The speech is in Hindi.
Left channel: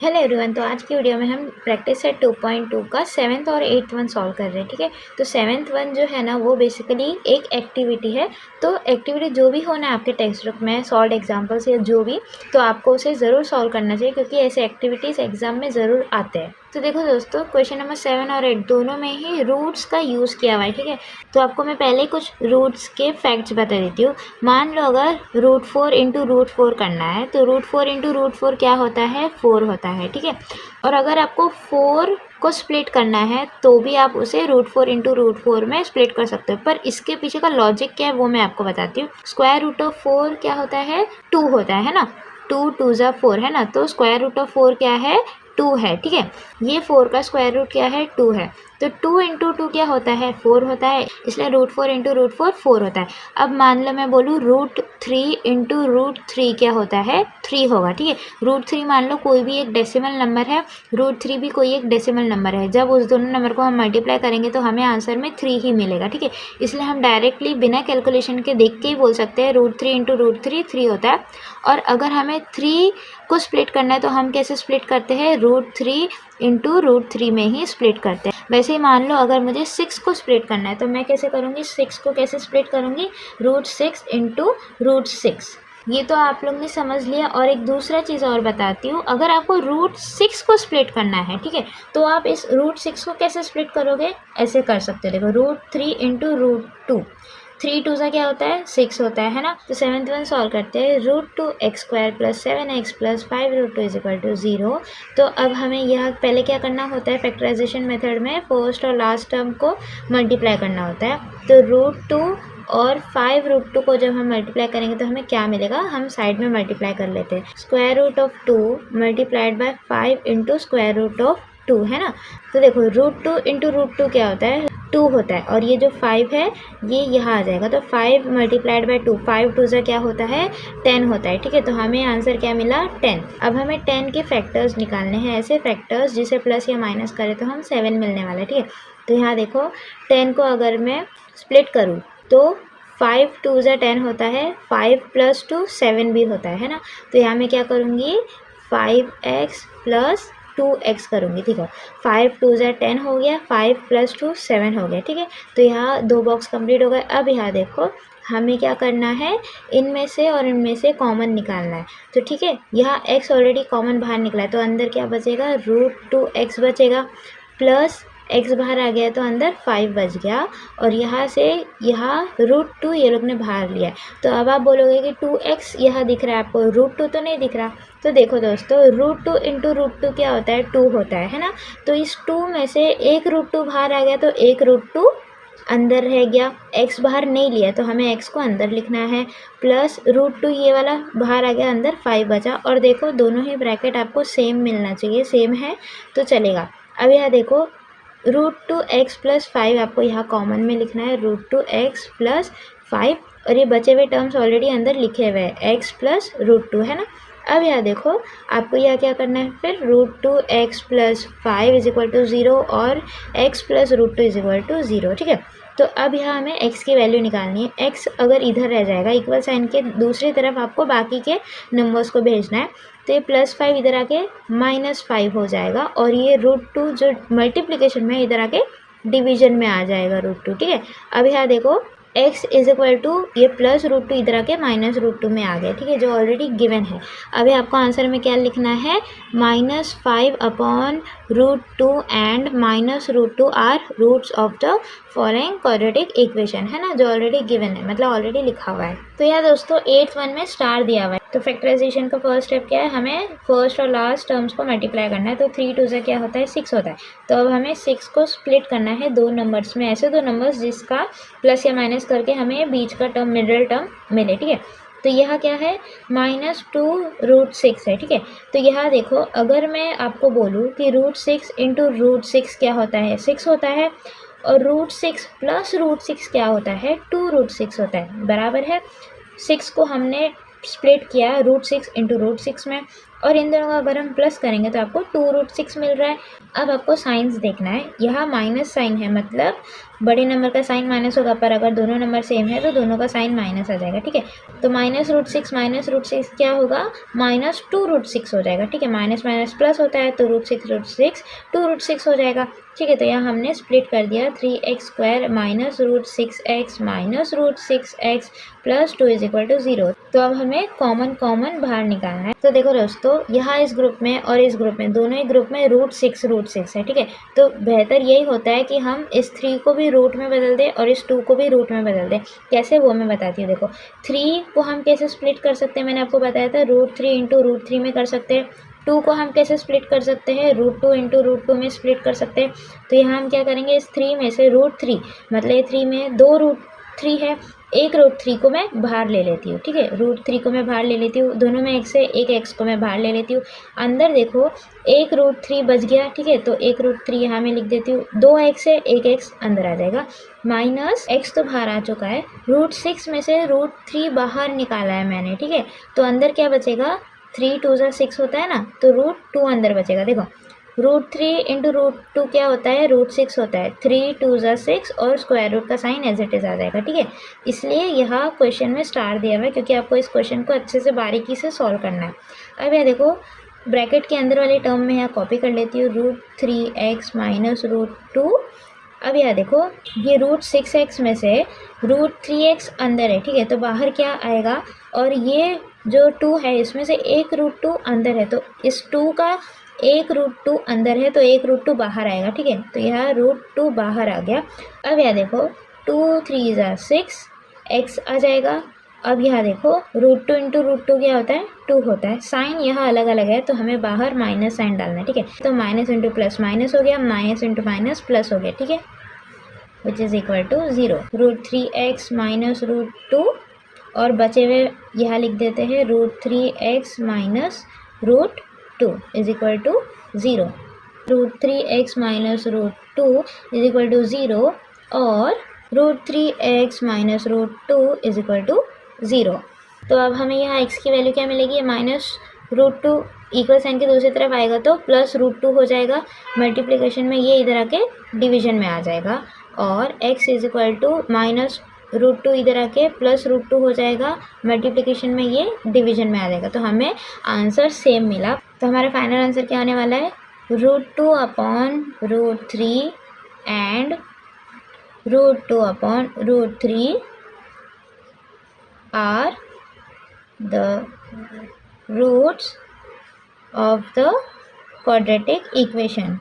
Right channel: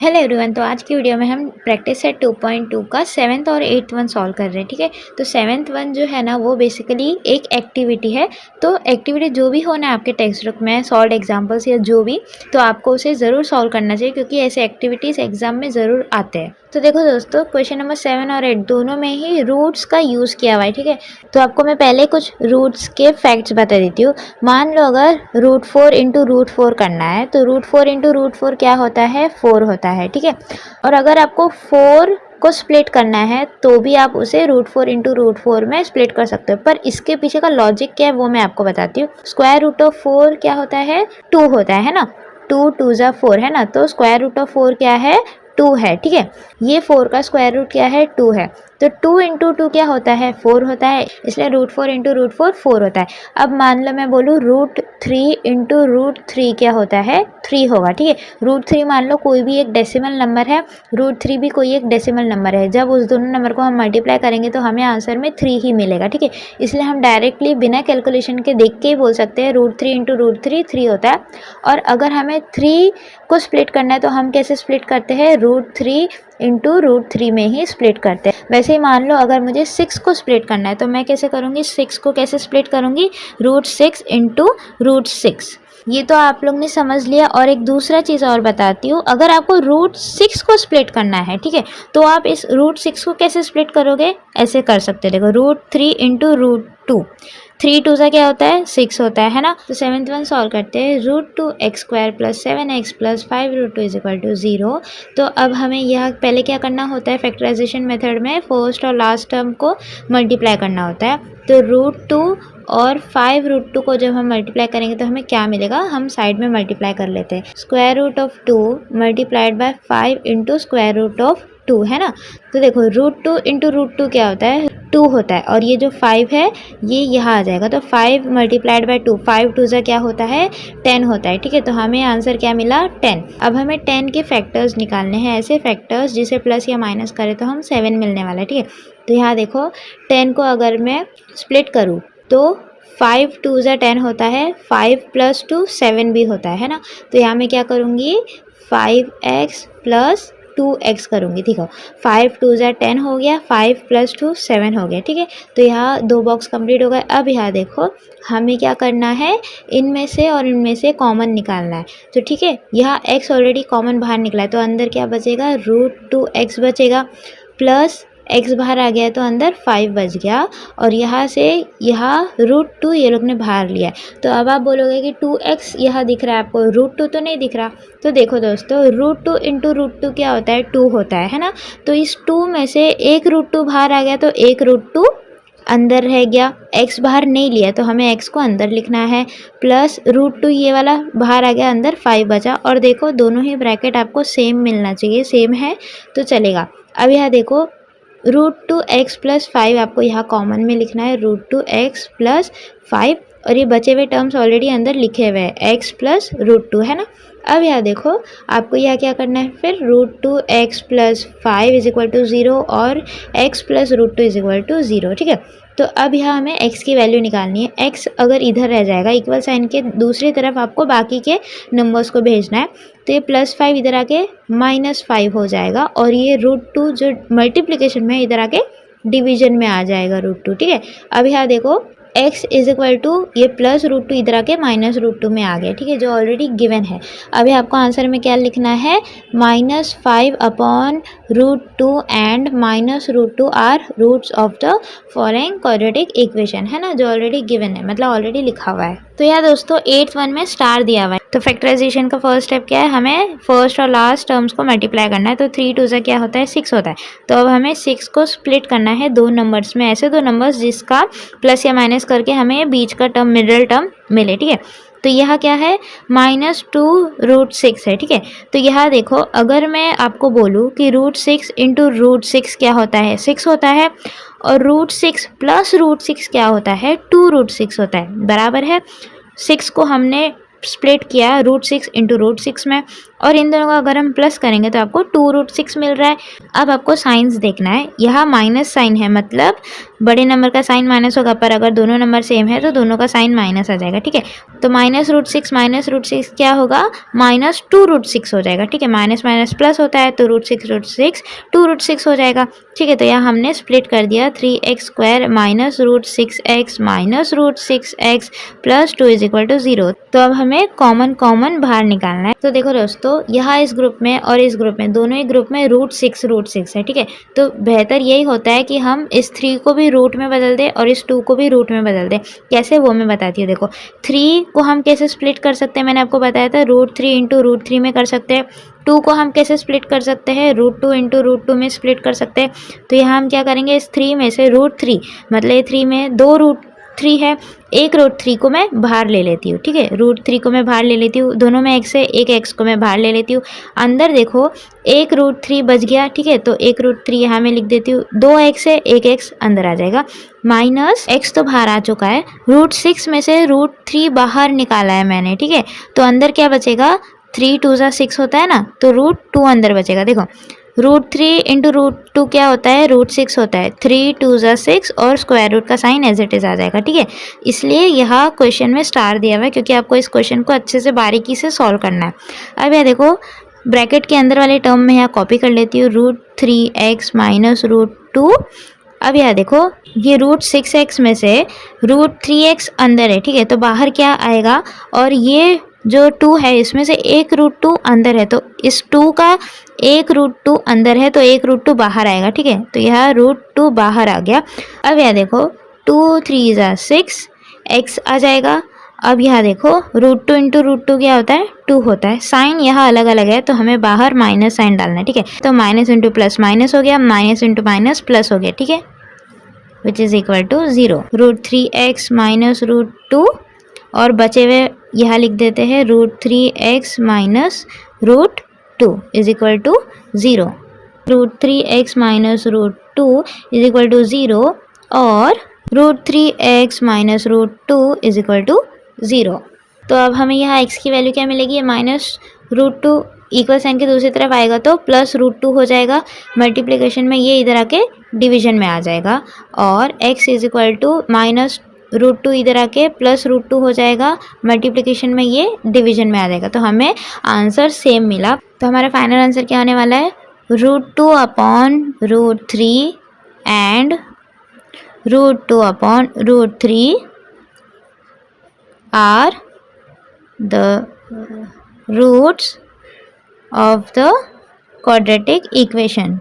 Hello everyone. तो आज की वीडियो में हम प्रैक्टिस सेट 2.2 का 7th और 8th वन सॉल्व कर रहे हैं। ठीक है, तो 7th वन जो है ना वो बेसिकली एक एक्टिविटी है। तो एक्टिविटी जो भी होना है आपके टेक्स्ट बुक में, सॉल्व एग्जांपल्स या जो भी, तो आपको उसे ज़रूर सॉल्व करना चाहिए क्योंकि ऐसे एक्टिविटीज़ एग्जाम में ज़रूर आते हैं। तो देखो दोस्तों, क्वेश्चन नंबर 7 और 8 दोनों में ही रूट्स का यूज़ किया हुआ है। ठीक है, तो आपको मैं पहले कुछ रूट्स के फैक्ट्स बता देती हूँ। मान लो अगर √4 इंटू √4 करना है तो √4 इंटू √4 क्या होता है, 4 होता है। ठीक है, और अगर आपको 4 को स्प्लिट करना है तो भी आप उसे √4 इंटू √4 में स्प्लिट कर सकते हो। पर इसके पीछे का लॉजिक क्या है वो मैं आपको बताती हूँ। स्क्वायर रूट ऑफ 4 क्या होता है, 2 होता है ना। 2 2 ज़ा 4 है ना, तो स्क्वायर रूट ऑफ 4 क्या है, 2 है। ठीक है, ये 4 का स्क्वायर रूट क्या है, 2 है। तो 2 इंटू 2 क्या होता है, 4 होता है, इसलिए √4 इंटू √4 4 होता है। अब मान लो मैं बोलूँ √3 इंटू √3 क्या होता है, 3 होगा। ठीक है, √3 मान लो कोई भी एक डेसिमल नंबर है, √3 भी कोई एक डेसिमल नंबर है। जब उस दोनों नंबर को हम मल्टीप्लाई करेंगे तो हमें आंसर में 3 ही मिलेगा। ठीक है, इसलिए हम डायरेक्टली बिना कैलकुलेशन के देख के ही बोल सकते हैं √3 इंटू √3 3 होता है। और अगर हमें 3 को स्प्लिट करना है तो हम कैसे स्प्लिट करते हैं, √3 इंटू √3 में ही स्प्लिट करते हैं। वैसे ही मान लो अगर मुझे 6 को स्प्लिट करना है तो मैं कैसे करूँगी, 6 को कैसे स्प्लिट करूँगी, √6 इंटू √6। ये तो आप लोग ने समझ लिया। और एक दूसरा चीज़ और बताती हूँ, अगर आपको √6 को स्प्लिट करना है, ठीक है, तो आप इस √6 को कैसे स्प्लिट करोगे, ऐसे कर सकते हो। देखो √3 इंटू √2, 3 2 सा क्या होता है, 6 होता है ना। तो 7th वन सॉल्व करते हैं। √2x² + 7x + 5√2 = 0। तो अब हमें यह पहले क्या करना होता है, फैक्टराइजेशन मेथड में फर्स्ट और लास्ट टर्म को मल्टीप्लाई करना होता है। तो √2 और 5√2 को जब हम मल्टीप्लाई करेंगे तो हमें क्या मिलेगा, हम साइड में मल्टीप्लाई कर लेते हैं। √2 मल्टीप्लाइड बाय 5 इंटू √2 है ना। तो देखो √2 इंटू √2 क्या होता है, 2 होता है, और ये जो 5 है ये यहाँ आ जाएगा। तो 5 मल्टीप्लाइड बाय 2, 5 2 ज़ा क्या होता है, 10 होता है। ठीक है, तो हमें आंसर क्या मिला, 10। अब हमें 10 के फैक्टर्स निकालने हैं, ऐसे फैक्टर्स जिसे प्लस या माइनस करें तो हम 7 मिलने वाला है। ठीक है, तो यहाँ देखो 10 को अगर मैं स्प्लिट करूँ तो 5 2 ज़ा 10 होता है, 5 + 2 7 भी होता है ना। तो यहाँ मैं क्या करूँगी, 5x + 2x करूँगी। ठीक है, 5 2 ज़ा 10 हो गया, 5 + 2 7 हो गया। ठीक है, तो यहाँ 2 बॉक्स कंप्लीट हो गए। अब यहाँ देखो हमें क्या करना है, इनमें से और इनमें से कॉमन निकालना है। तो ठीक है, यहाँ x ऑलरेडी कॉमन बाहर निकला है तो अंदर क्या बचेगा, √2x बचेगा, प्लस x बाहर आ गया तो अंदर 5 बच गया, और यहाँ से यहाँ √2 ये लोग ने बाहर लिया है। तो अब आप बोलोगे कि 2x यहाँ दिख रहा है आपको, √2 तो नहीं दिख रहा। तो देखो दोस्तों, √2 इंटू √2 क्या होता है, 2 होता है ना। तो इस 2 में से एक √2 बाहर आ गया तो एक √2 अंदर रह गया, x बाहर नहीं लिया तो हमें x को अंदर लिखना है, प्लस √2 ये वाला बाहर आ गया, अंदर 5 बचा। और देखो दोनों ही ब्रैकेट आपको सेम मिलना चाहिए, सेम है तो चलेगा। अब यहाँ देखो √2x + 5 आपको यहाँ कॉमन में लिखना है, √2x + 5, और ये बचे हुए टर्म्स ऑलरेडी अंदर लिखे हुए हैं, x + √2 है ना। अब यहाँ देखो आपको यहाँ क्या करना है, फिर √2x + 5 = 0 और x + √2 = 0। ठीक है, तो अब यहाँ हमें x की वैल्यू निकालनी है। x अगर इधर रह जाएगा, इक्वल साइन के दूसरी तरफ आपको बाकी के नंबर्स को भेजना है। तो ये +5 इधर आके -5 हो जाएगा, और ये √2 जो मल्टीप्लिकेशन में इधर आके डिवीजन में आ जाएगा √2। ठीक है, अब यहाँ देखो x = ये प्लस √2 इधर आके -√2 में आ गया। ठीक है, जो ऑलरेडी गिवन है। अभी आपको आंसर में क्या लिखना है, -5 upon √2 and -√2 are roots of the following quadratic equation, है ना, जो ऑलरेडी गिवन है, मतलब ऑलरेडी लिखा हुआ है। तो यहाँ दोस्तों 8th वन में स्टार दिया हुआ है। तो फैक्टराइजेशन का फर्स्ट स्टेप क्या है, हमें फर्स्ट और लास्ट टर्म्स को मल्टीप्लाई करना है। तो 3 2 ज़ा क्या होता है, 6 होता है। तो अब हमें 6 को स्प्लिट करना है दो नंबर्स में, ऐसे दो नंबर्स जिसका प्लस या माइनस करके हमें बीच का टर्म, मिडल टर्म मिले। ठीक है, तो यह क्या है, -2√6 है। ठीक है, तो यहाँ देखो अगर मैं आपको बोलूँ कि √6 इंटू √6 क्या होता है, 6 होता है, और √6 + √6 क्या होता है, 2√6 होता है, बराबर है। 6 को हमने स्प्लिट किया √6 इंटू √6 में, और इन दोनों का अगर हम प्लस करेंगे तो आपको 2√6 मिल रहा है। अब आपको साइंस देखना है, यहाँ माइनस साइन है मतलब बड़े नंबर का साइन माइनस होगा, पर अगर दोनों नंबर सेम है तो दोनों का साइन माइनस आ जाएगा, ठीक है। तो -√6 क्या होगा, -2√6 हो जाएगा, ठीक है। माइनस माइनस प्लस होता है तो √6 2√6 हो जाएगा, ठीक है। तो यहाँ हमने स्प्लिट कर दिया 3x² -√6x -√6x प्लस 2 = 0। तो अब हमें कॉमन बाहर निकालना है। तो देखो दोस्तों, यहाँ इस ग्रुप में और इस ग्रुप में, दोनों ही ग्रुप में √6 है, ठीक है। तो बेहतर यही होता है कि हम इस 3 को भी रूट में बदल दें और इस 2 को भी रूट में बदल दें। कैसे, वो मैं बताती हूँ। देखो 3 को हम कैसे स्प्लिट कर सकते हैं, मैंने आपको बताया था √3 × √3 में कर सकते हैं। 2 को हम कैसे स्प्लिट कर सकते हैं, √2 × √2 में स्प्लिट कर सकते हैं। तो यहाँ हम क्या करेंगे, इस 3 में से √3 मतलब ये 3 में 2 √3 है, एक √3 को मैं बाहर ले लेती हूँ, ठीक है। √3 को मैं बाहर ले लेती हूँ, दोनों में x है, एक x को मैं बाहर ले लेती हूँ। अंदर देखो एक √3 बच गया, ठीक है। तो एक √3 यहाँ मैं लिख देती हूँ, 2x है, एक x अंदर आ जाएगा, माइनस x तो बाहर आ चुका है, √6 में से √3 बाहर निकाला है मैंने, ठीक है। तो अंदर क्या बचेगा, 3 2 6 होता है ना, तो √2 अंदर बचेगा। देखो √3 × √2 क्या होता है, √6 होता है, 3 2 6 और स्क्वायर रूट का साइन एज इट इज़ आ जाएगा, ठीक है। इसलिए यह क्वेश्चन में स्टार दिया हुआ है क्योंकि आपको इस क्वेश्चन को अच्छे से बारीकी से सॉल्व करना है। अब यह देखो ब्रैकेट के अंदर वाले टर्म में यहाँ कॉपी कर लेती हूँ, √3x -√2। अब यह देखो ये √6x में से √3x अंदर है, ठीक है। तो बाहर क्या आएगा, और ये जो 2 है इसमें से एक √2 अंदर है, तो इस 2 का एक √2 अंदर है तो एक √2 बाहर आएगा, ठीक है। तो यह √2 बाहर आ गया। अब यह देखो 2 3 6 x आ जाएगा। अब यहाँ देखो √2 × √2 क्या होता है, 2 होता है। साइन यहाँ अलग अलग है तो हमें बाहर माइनस साइन डालना है, ठीक है। तो माइनस × प्लस माइनस हो गया, माइनस × माइनस प्लस हो गया, ठीक है, which is equal to 0। √3x -√2 और बचे हुए यहाँ लिख देते हैं √3x -√2 is equal to 0। √3x -√2 is equal to 0 और √3x -√2 इज इक्वल टू 0। तो अब हमें यहाँ x की वैल्यू क्या मिलेगी, -√2 इक्वल साइन के दूसरी तरफ आएगा तो +√2 हो जाएगा। मल्टीप्लिकेशन में ये इधर आके डिवीजन में आ जाएगा और x इज इक्वल टू -√2 इधर आके +√2 हो जाएगा। मल्टीप्लिकेशन में ये डिवीजन में आ जाएगा। तो हमें आंसर सेम मिला। तो हमारा फाइनल आंसर क्या होने वाला है, √2/√3 and √2/√3 are the roots of the quadratic equation.